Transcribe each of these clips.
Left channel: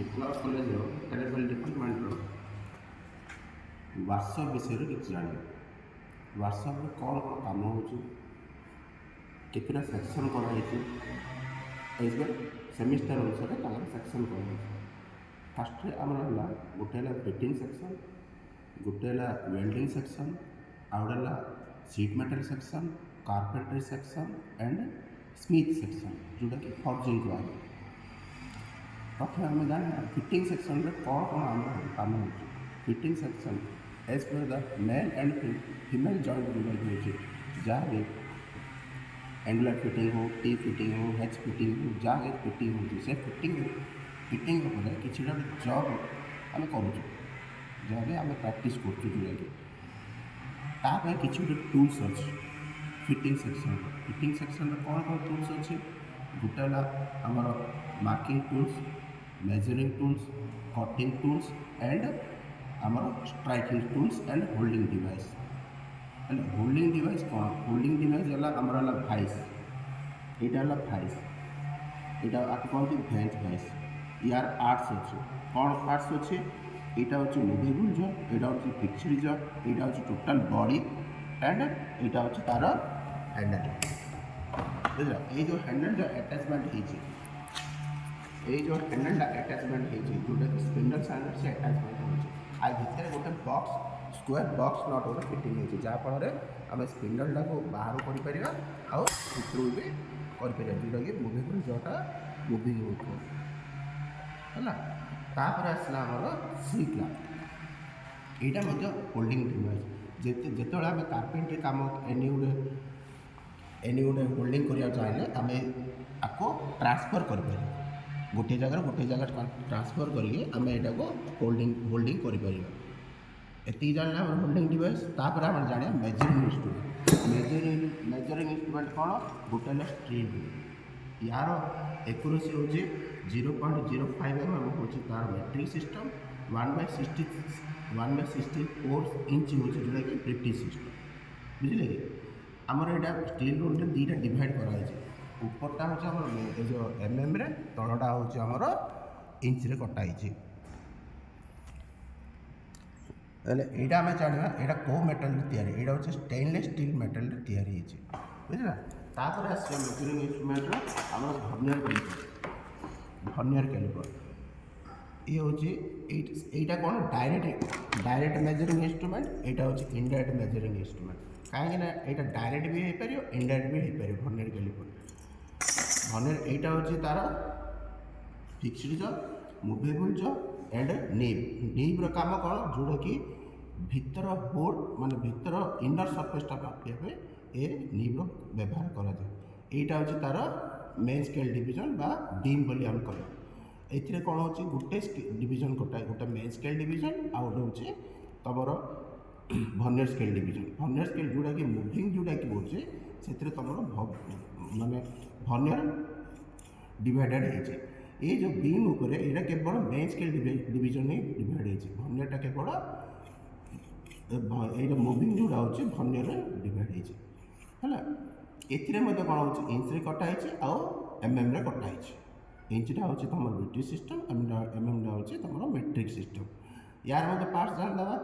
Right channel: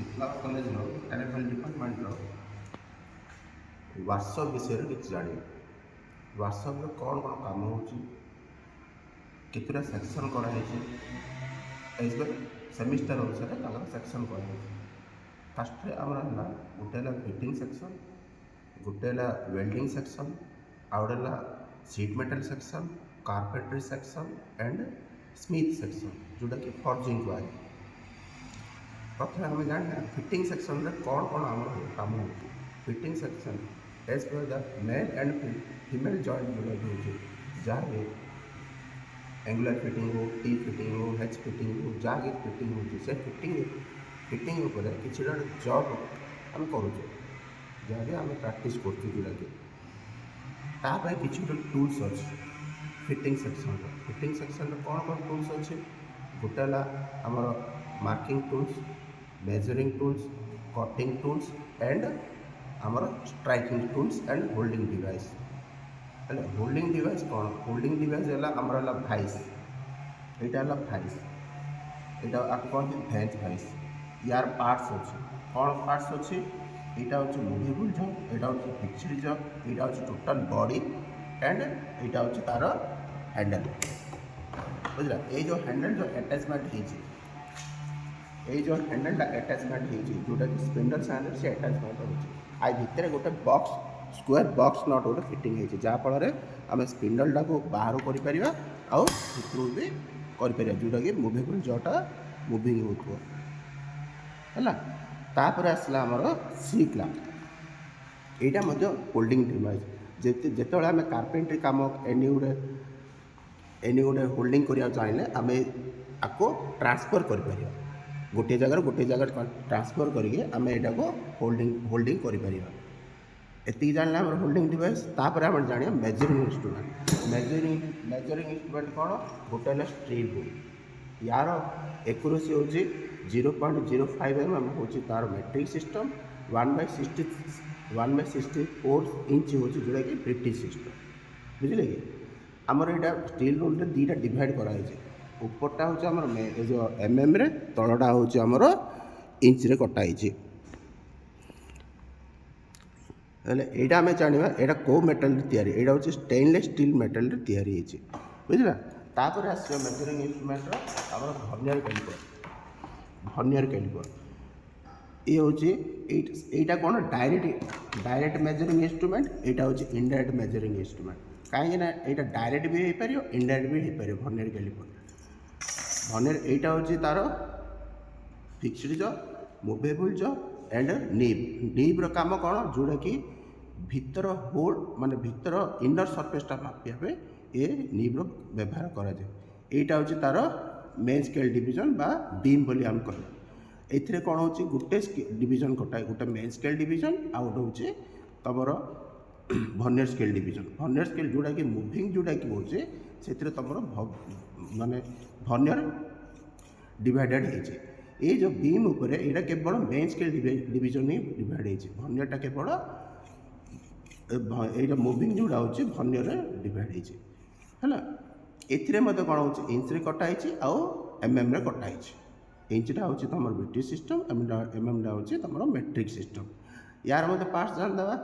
विप्लव college mechanical department WhatsApp विषय किसी जान व्हाट्सअप कौन कौन कम हो सेक्शन कराई सेमिस्टर अनुसार सेक्शन कराई फास्ट आमर गोटे फिटिंग सेक्शन गोटे वेल्डिंग सेक्शन आउ गोटे seat metal section carpentry section and Smith section जोटा कि फर्जिंग कहुए प्रथम आम जाना फिटिंग सेक्शन रे कौन कौन आम कम हो fitting section as per the male and female joint जोटा कि जहाँ भी एंगुलर फिटिंग हो टी फिटिंग हो हेच फिटिंग हो जहाँ कि फिटिंग हो से फिटिंग उपर किसी जॉब आम करूँ जहाँ भी आम प्रैक्टिस करूँ जोटा कि किसी टूल्स अच्छे फिटिंग सेक्शन कौन कौन टूल्स अच्छे गोटे आमर marking tools measuring tools cutting tools and आमर striking tools and holding device हेल्ले होल्डिंग डिवाइस कौन होल्डिंग डिवाइस है आमर भाइस यहाँ भाइस यहाँ आपको कहते भेज भाइस यार पार्ट्स अच्छे कौन पार्ट्स अच्छे यहाँ हूँ मुवेबल जॉब यहाँ हूँ फिक्सड जॉब यहाँ हूँ टोटाल बॉडी एंड यहाँ हूँ तार हैंडल बुझल ये जो हैंडल जो अटैचमेंट जो हैंडल अटैचमेंट जोटा कि स्पिंडल साइड से अटैचमेंट हो भितर गोटे बॉक्स स्क्वायर बॉक्स नट गोटे फिटिंग हो जहाँफल आम स्पिंडल को बाहर कर भी कर जोटा कि मुवेबल जोटा मुविंग होता है तापर आसला आमर सी क्लैंप यहाँ होल्डिंग डिवाइस जिते आम कार्पेंट्री कम एनी गोटे होल्डिंग करा चाहिए आम आपको ट्रांसफर कर गोटे जगह ट्रांसफर करके आम यहाँ को होल्डिंग कर जान होल्डिंग डिवाइस तापर आम जाना मेजरिंग इंस्ट्रूमेंट मेजरिंग इंस्ट्रूमेंट कौन गोटे स्ट्रील हुए यार एक्यूरेसी हूँ 0.05 mm हूँ तार मेट्रिक सिस्टम 1/64 इंच हूँ जोटा कि ब्रिटिश सिस्टम बुझे कि आमर यहाँ स्टील रूल दुईटा डिवाइड कराई उपरटा हूँ आम जो mm रे तलटा हूँ आमर इंच रे कटाई यहाँ आम जाना यहाँ कौ मेटाल यहाँ हूँ स्टेनलेस स्टील मेटाल तैयारी बुझला तापर आस मेजरिंग इंस्ट्रूमेंट आम वर्नियर कैलिपर ये हूँ यहाँ कौन डायरेक्ट मेजरिंग इंस्ट्रूमेंट यहाँ हूँ इनडायरेक्ट मेजरिंग इंस्ट्रूमेंट कहीं यहाँ डायरेक्ट भी हो पार इनडायरेक्ट भी हो पार वर्नियर कैलिपर वर्नियर यहाँ हूँ तार fixed jaw movable jaw and nib काम कौन जोटा कि भीतर होल माने भीतर इनर सरफेसटा मापिया ये नीब व्यवहार कराए यहाँ हूँ तार मेन स्केल डिविजन बा बीम बोली आम कह ए कौन हो गोटे डिविजन कटाए गोटे मेन स्केल डिविजन आउ गोटे हूँ तुम vernier scale division vernier scale जोटा कि मुविंग जोटा कि हो से तुम माने वर्नियर डिवाइडेड हो ये जो बीम उपर यहाँ केवल मेन स्केल डिविजन ही डिवाइड हो वर्नियरटा केवल ये मुविंग जोड़ा हूँ वर्नियर डिवाइड है एथिरे मध्य कौन हो इंच रे कटाई आउ mm रे कटाई इंचटा हूँ तुम ब्रिटिश सिस्टम mm हूँ तुम मेट्रिक सिस्टम यार मत पार्ट्स जान दवा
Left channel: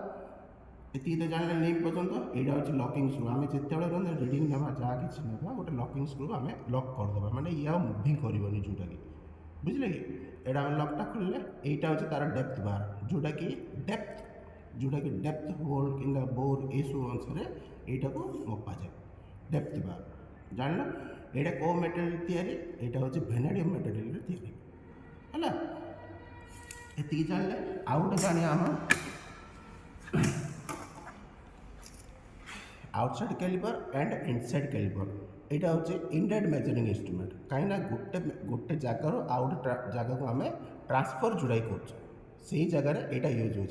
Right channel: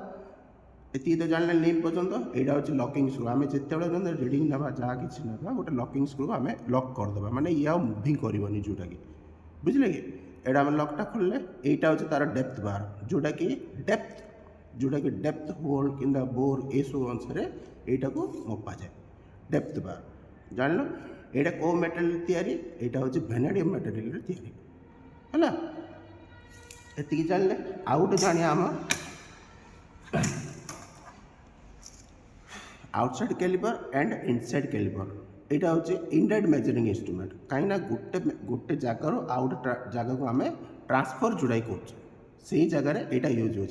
ये तो जान नीम पर्यटन यहाँ हूँ लकिंग स्क्रू आम जिते रिडिंग ना जहाँ कि गोटे लकिंग स्क्रू आम लक करदे मैंने ये आ मुविंग करनी जोटा कि बुझे कि यहाँ आम लकटा खोलिले यहाँ हूँ तार डेप्थ बार जोटा कि डेप्थ होल कि बोर ये सब अनुसार यहाँ को मपा जाए डेप्थ बार जान यहाँ कौ मेटेरियल तैयारी यहाँ हूँ वेनेडियम मेटेरियल तैयारी है ये जानले आउ गोटे जाने आम outside caliper and inside caliper यहाँ हूँ इनडायरेक्ट मेजरिंग इंस्ट्रूमेंट कहीं गोटे जगार आउ गोटे जगह को आम ट्रांसफर जोड़ाई कर जगार यहाँ यूज हो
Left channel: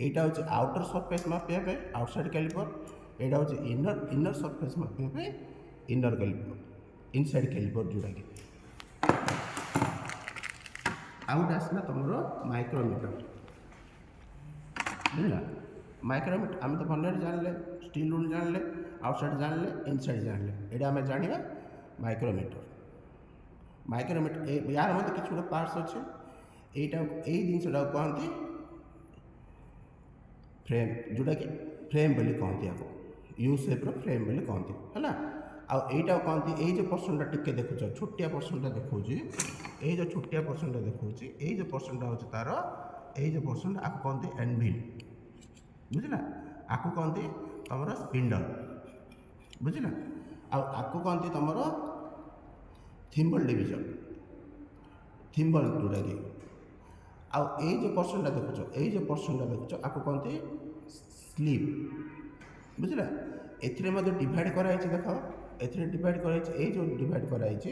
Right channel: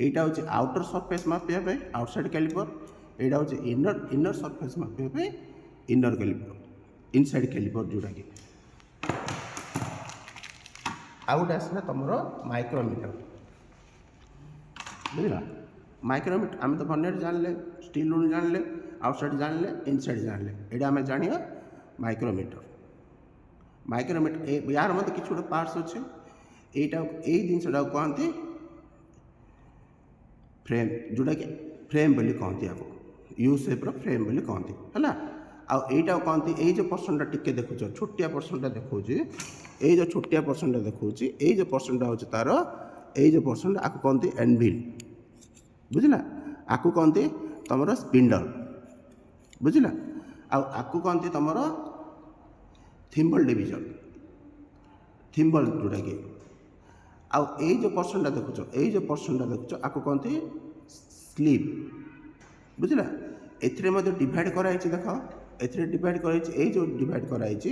यहाँ हूँ आउटर सरफेस मापिया आउटसाइड कैलिपर यहाँ हूँ इनर सरफेस मापिया इनर कैलिपर इनसाइड कैलिपर जोटा कि आउ गोटे आसला तुम माइक्रोमीटर बुझल माइक्रोमीटर आम तो वर्नियर जानले स्टील रूल जानले आउटसाइड जानले इनसाइड जानले यहाँ आम जाना माइक्रोमीटर यार मत कि गोटे पार्ट्स अच्छे এইটা এই জিনিসটাକୁ କହନ୍ତି ଫ୍ରେମ୍, ଯେଉଁଟାକି ଫ୍ରେମ୍ ବୋଲି କହନ୍ତି ଆକୁ, ୟୁ ସେପ୍ର ଫ୍ରେମ୍ ବୋଲି କହନ୍ତି ହେଲା। ଆଉ ଏଇଟାକୁ କହନ୍ତି, ଏଇ ଯେଉଁ ପର୍ସନ୍ଟା ଟିକେ ଦେଖୁଛ ଛୋଟିଆ ପର୍ସନ୍ଟା ଦେଖାଉଛି, ଏଇ ଯେଉଁ ଛୋଟିଆ ପର୍ସନ୍ଟା ଦେଖାଉଛି, ଏଇ ଯେଉଁ ପର୍ସନ୍ଟା ହେଉଛି ତା'ର, ଏଇ ଯେଉଁ ପର୍ସନ୍ଟା ଆକୁ କହନ୍ତି ଏନଭିଲ୍, ବୁଝିଲା। ଆକୁ କହନ୍ତି ତୁମର ସ୍ପିଣ୍ଡଲ୍, ବୁଝିଲା। ଆଉ ଆକୁ କହନ୍ତି ତୁମର ଥିମ୍ବଲ୍ ଡିଭିଜନ୍, ଥିମ୍ବଲ୍ ଯେଉଁଟାକି। ଆଉ ଏଇ ଯେଉଁ ପର୍ସନ୍ଟା ଦେଖୁଛ, ଏଇ ଯେଉଁ ପର୍ସନ୍ଟା ଦେଖୁଛ ଆକୁ କହନ୍ତି ସ୍ଲିପ୍, ବୁଝିଲା। ଏଥିରେ ମଧ୍ୟ ଡିଭାଇଡ଼ କରାଯାଇଛି, ଦେଖ ଏଥିରେ ଡିଭାଇଡ଼ କରାଯାଇଛି, ଏଇ ଯେଉଁ ଡିଭାଇଡ଼ କରାଯାଇଛି,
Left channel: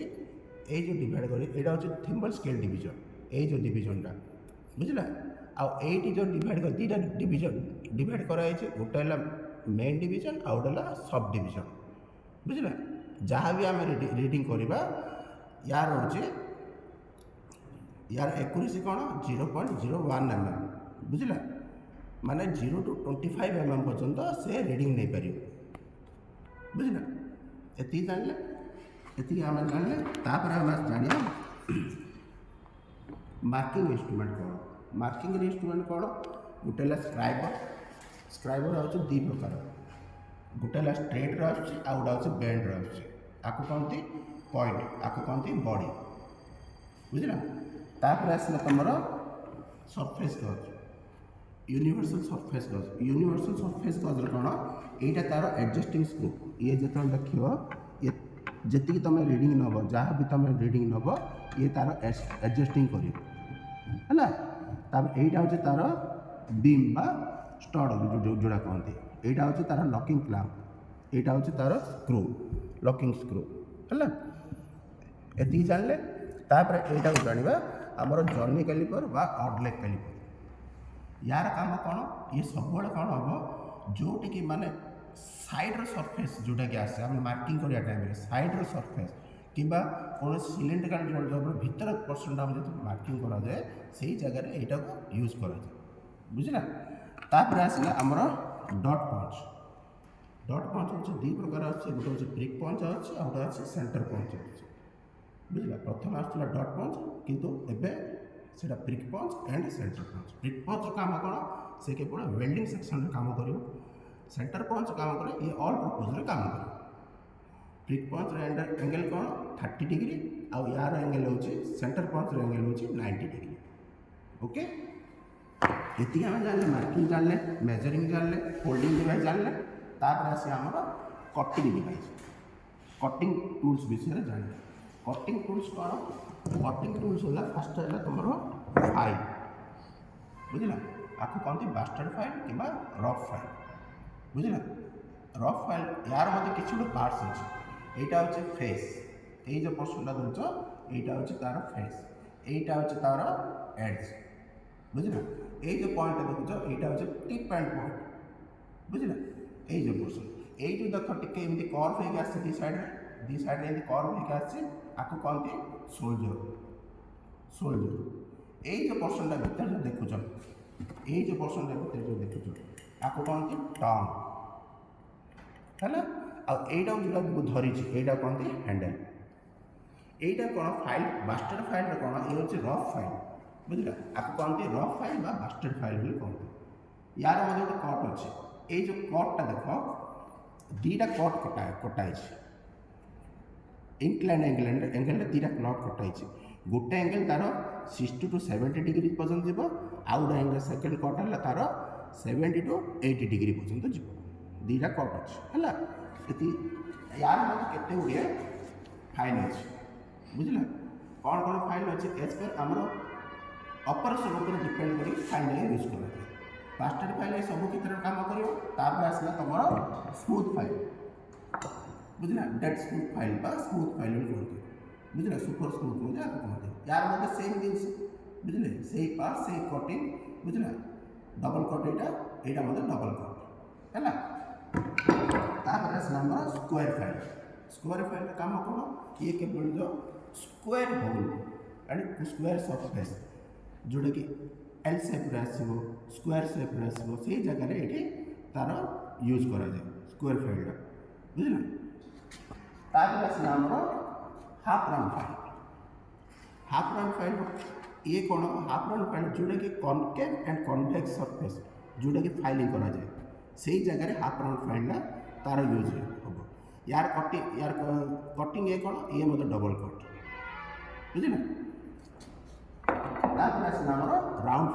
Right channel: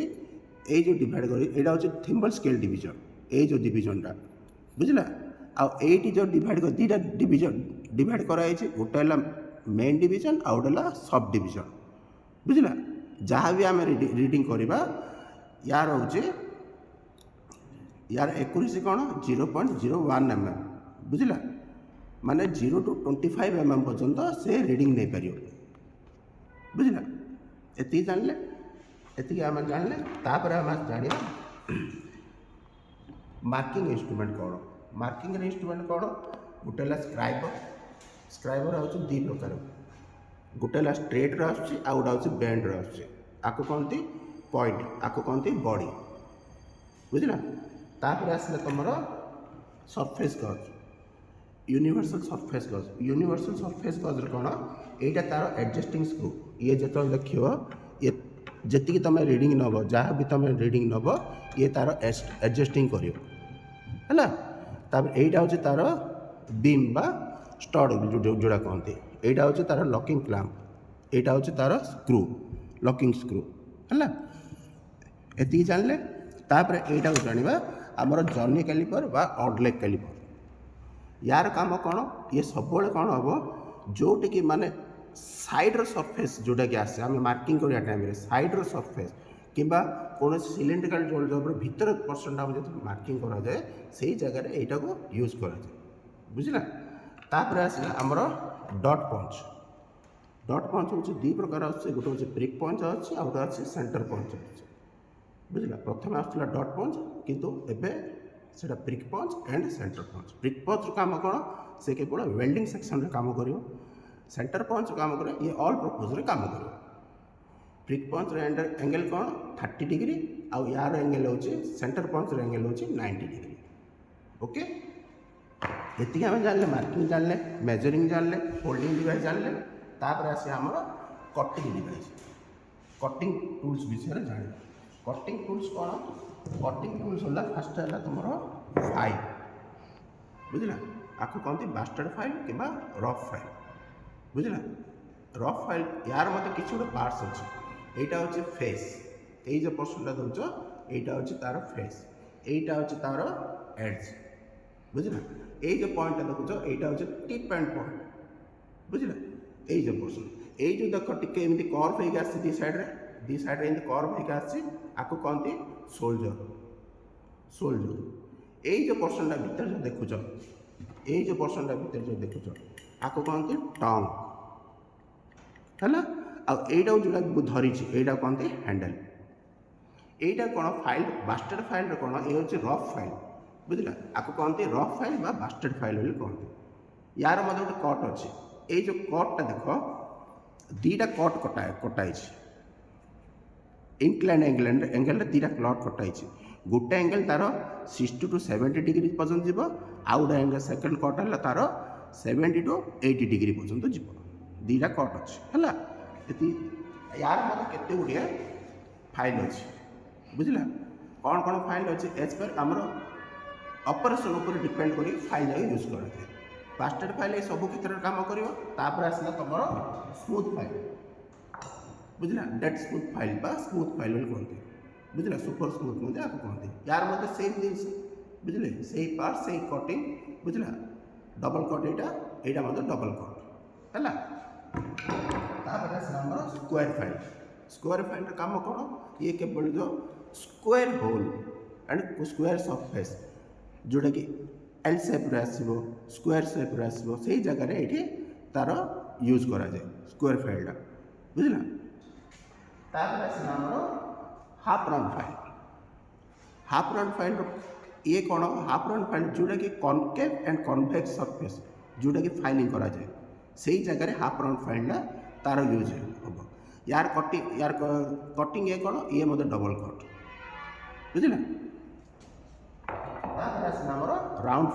ଏଇ ଯେଉଁ ଡିଭାଇଡ଼ କରାଯାଇଛି ଏଇଟା ହେଉଛି ଥିମ୍ବଲ୍ ସ୍କେଲ୍ ଡିଭିଜନ୍, ଏଇ ଯେଉଁ ଡିଭିଜନ୍ଟା, ବୁଝିଲା। ଆଉ ଏଇଠି ଯେଉଁ ଡିଭାଇଡ଼ ଦୁଇଟା ଡିଭିଜନ୍ ଡିଭାଇଡ଼ କରାଯାଇଛି, ଗୋଟେ ହେଲା ମେନ୍ ଡିଭିଜନ୍ ଆଉ ଗୋଟେ ହେଲା ସବ୍ ଡିଭିଜନ୍, ବୁଝିଲା। ଯାହା ବି ଆମେ ରିଡ଼ିଂ କରିବା ୟାର ହେଉଛି, यार एक्यूरेसी कौन 0.01 mm, बुझला। माने 0 to 25 mm पर्यंत से रीडिंग नहीं पार, बुझला। एति जानले, एति आम जानले तापर आम जानिया मार्किंग इंस्ट्रूमेंट कौन। मार्किंग इंस्ट्रूमेंट कौन, गोटे स्क्राइबर, स्क्राइबर आउछ दी प्रकार, गोटे स्ट्रेट आउछ आ गोटे बेंड आउछ, आको कहते पॉइंट, आको कहते बॉडी, बुझला। तापर आसला तुमर सरफेस गज, यूनिवर्सल सरफेस गज। यूनिवर्सल सरफेस गज कौन, यहाँ तार एडजस्टिंग स्क्रू, ये जो देख ये जी तुम रीडिंग नब, जहाँ भी तुम रीडिंग नब ये तार एडजस्टिंग कर, यहाँ हूँ तार बीम बा स्टड जोड़ा कहते, यहाँ हूँ तार लकिंग क्लैंप, यहाँ हूँ तार स्क्रू, लकिंग स्क्रू है। ये जानले तापर यहाँ को जाना आमर जर्नी कैलिपर बा ऑड लेग कैलिपर। यार काम कौन, ये सब कौन हम जोटी कि माने साइड्र सरफेस जोटा कि आसे आम मार्किंग करिया टाइम रे साइड्र सरफेस किंबा कौन सिलिंड्रिकल जब भीतर पर्सन जो मार्किंग करा जाए से जगह यहाँ को यूज करा जाए, बुझला। तापर आसला आमर डॉट पंच। डॉट पंच हूँ दी प्रकार अच्छे, गोटे हूँ प्रिक पंच अच्छे आ गोटे अच्छे सेंटर पंच अच्छे, बुझला। प्रथम आसला डॉट पंच किंतु एबे सेटा prick punch and centre punch. Prick punch काम कौन, से केवल वेल्डिंग सेक्शन रे काम करियो, सेंटर पंच काम करे ये ऑल पर्पज रे काम करियो। प्रिक पंच रे एंगल कौन 30 डिग्री आउ यार एंगल होची, सेंटर पंच रे एंगल होची 90 डिग्री, ओके। एतिक हम जानले मार्किंग जानले, मेजरिंग जानले, फोल्डिंग डिवाइस जानले, तापर आसे हमर कटिंग डिवाइस, कटिंग टूल्स विषय जानले। कटिंग टूल्स कौन, कटिंग टूल्स होला फास्ट है तुम फाइल, बुझला। आपको कहते बास्टर्ड फाइल कि रफ फाइल, बुझला। रफ फाइल यार मत किसी गोटे पार्ट्स अच्छे, यहाँ हूँ फेस, ये जो पर्सनटा दूच यहाँ हूँ तार फेस, यहाँ हूँ तार एड्स, बुझला। ये जो पॉइंट देखुच यहाँ हूँ टिप एंड पॉइंट, बुझला। ये जो पर्सन ये जो देख टे एमती कर्व होगी आस दी साइड एमती कर्व होगी आसी, आपको कहते सोल्जर, सोल्जर। ये जो पर्सनटा भीतर जो देखुच, ये जो पर्सनटा भीतर जो देखुच आपको कहते टंग है। आईटा जो धरी यहाँ कहते हैंडल। यहाँ कौन फाइल बास्टर्ड फाइल कौन, ये हूँ रफ फाइल, बुझला। आपको कहते रफ फाइल बा बास्टर्ड फाइल कहते। यार मतलब गोटे कट अच्छे, ये जो कटटा देख दीटा कट कटाई, इंक्लाइन एंगल दीटा क्लट कटाई, गोटे एंगल तार 60 to 70 डिग्री पर्यंत जीव, आउ गोटे एंगल सेकेंड कट है तार 70 to 80 डिग्री पर्यंत जीव, दीटा कट अच्छे है। यार मतलब केते गुड़िया फाइल अच्छे, बुझला। कौन कौन फाइल अच्छे एज पर आमर ऑपरेशन ऊपर डिपेंड करी फाइल जाए यूज कर। बास्टर्ड फाइल सब क्षेत्र काम कर। आसला तुम स्मूथ फाइल, बुझला। डेड स्मूथ फाइल बा स्मूथ फाइल कहते, बुझला। सुपर स्मूथ मुझे आपको कहते। यार मतलब सेम जिन बुझले से पार्ट से कटिंग, बुझला। डबल कट यहाँ मतलब डबल कट है। तापर आसला आमर स्क्वायर फाइल। स्क्वायर फाइल काम कौन, ये केवल जो square hole and square surface जोटा कि एल सेप्रे आसो, स्क्वायर सेप्रे आसो, से जगह ये तार यूज करा जाए स्क्वायर फाइलटा, बुझला। तापर आसला आमर half round file. Half round file ये कौन हाफ राउंड फाइल जोटा कि कनकेव एंड कनभेक्स सरफेस जोटा कि फाइलिंग करा जाए से जगह हाफ राउंड फाइल तार यूज हम यार कटिंग ये कौन ये मतलब डबल कट बुझे राउंड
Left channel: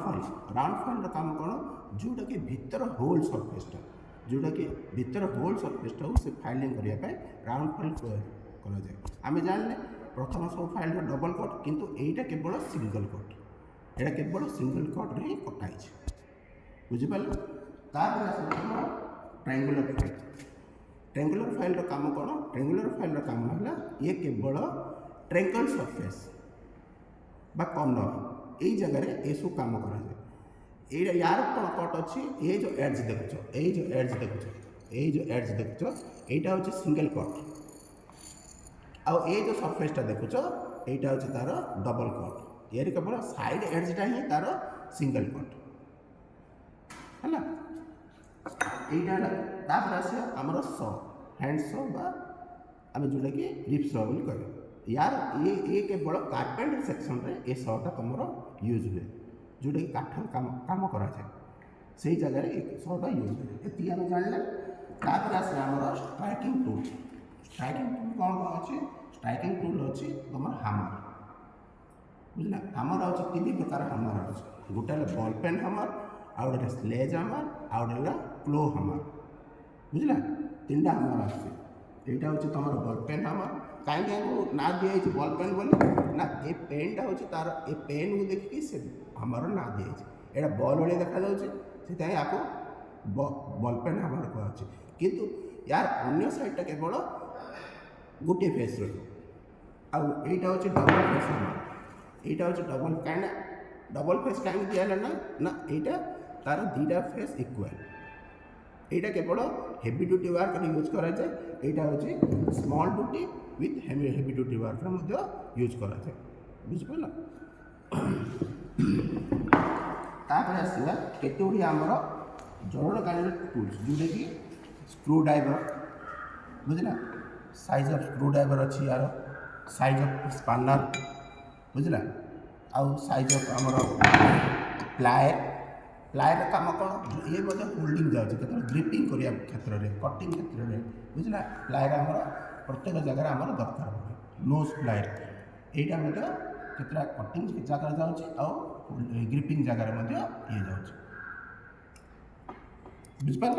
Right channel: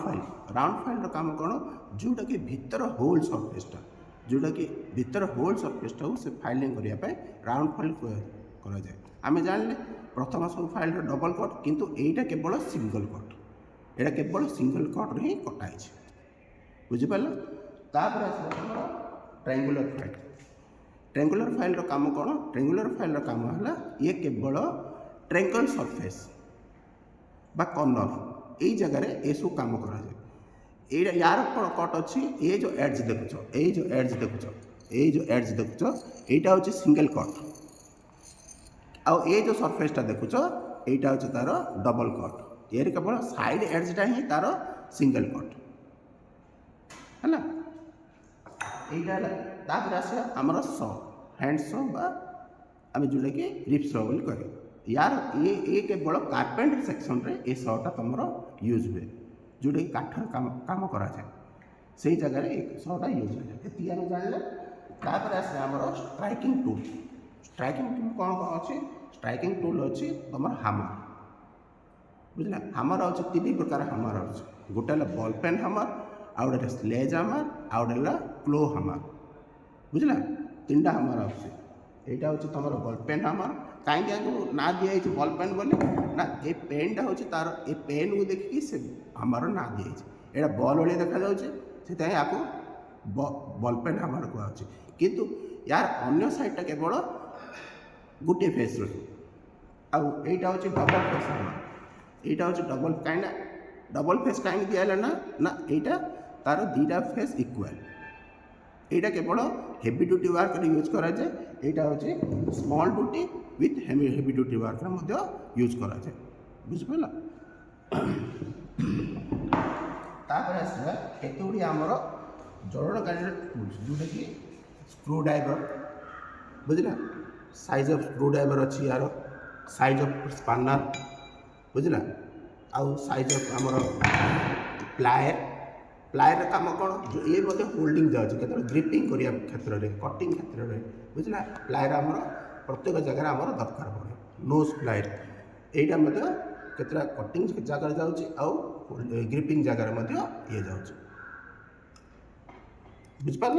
फाइल काम कौन जोटा कि भितर होल सरफेसटा जोटा कि भितर होल सरफेसटा से फाइलिंग करने राउंड फाइल करा जाए आम जानले प्रथम सब फाइल डबल कट किंतु एटा केवल सिंगल कट एटा केवल सिंगल कट रे ही कटाई बुझिपाल ट्रायंगुलर फाइल काम कौन ट्रायंगुलर फाइल काम है ये केवल ट्रायंगल सरफेस बा कॉर्नर यही जगह ये सब काम करा जाए यार कौन कट अच्छी ये जो एड्ज देखुच ये जो एड्ज देखुच यहाँ हूँ सिंगल कट आउ ये जो सरफेसटा देखुच यहाँ हूँ तार डबल कट ये केवल साइड एड्जटा ही तार सिंगल कट है यहाँ आसे आमर स हैंड स आम जोटा कि रिप्स बोली कह यार ये केवल कार्पेंटर सेक्शन रे ये सटा तुम यूज हुए जोटा कि काठर काम कराए से जगह सटा यूज हुए ये आम जानले आसे आमर स्ट्राइकिंग टूल कौन कौन अच्छे स्ट्राइकिंग टूल अच्छी तुम हामर बुझला हामर अच्छे 3 प्रकार हामर अच्छे गोटे बॉल पेन हामर आउ गोटे स्लेज हामर आउ गोटे क्लो हामर बुझला 3टा हामर अच्छे यहाँ हूँ तुम बॉल पेन हामर कहीं ना दिखाई बॉल पेन बोली ना ये पेनटा हूँ तार ये पेन को देखिए से हामर ना दिखाई यहाँ बॉल भाई देखा से आपको बॉल पेन हामर कहुचे किंतु यार अन्य साइडटा केवल गोटे फेस यहाँ हूँ डबल फेस हामर यहाँ हूँ डबल कहीं डबल फेस कहीं दिहला ना यहाँ तार 2टा फेस इक्वाल यहाँ केवल हेवी ड्यूटी वर्क यूज करा जाए यहाँ हूँ small duty with heavy duty work use करा जाए बुझिपाल आसवा केतुड़ी आमर जड़नकारी टूल्स जोटा कि स्क्रू ड्राइवर बुझला साइज ऑफ स्क्रू ड्राइवर अच्छी यार साइज ऑफ स्पानर बुझला आउ साइज ऑफ आमर प्लायर काम कौन ये होल्डिंग जाऊँगी केत ग्रिपिंग करने क्षेत्र में कटिंग क्षेत्र में बुझला प्लायर आमर प्रत्येक जगह आमर दरकार पड़े नोज प्लायर यहाँ केतटा कटिंग जगह जाऊँगी ग्रिपिंग जगह ये जाऊँगी बुझिपार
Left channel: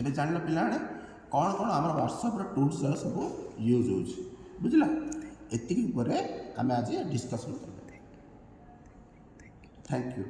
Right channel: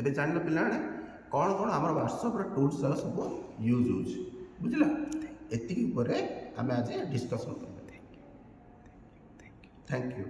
ए जान पिला कौन कौन आम व्हाट्सएप टूल्स सब यूज हो बुझला एति आम आज डिस्कसन कर थैंक यू।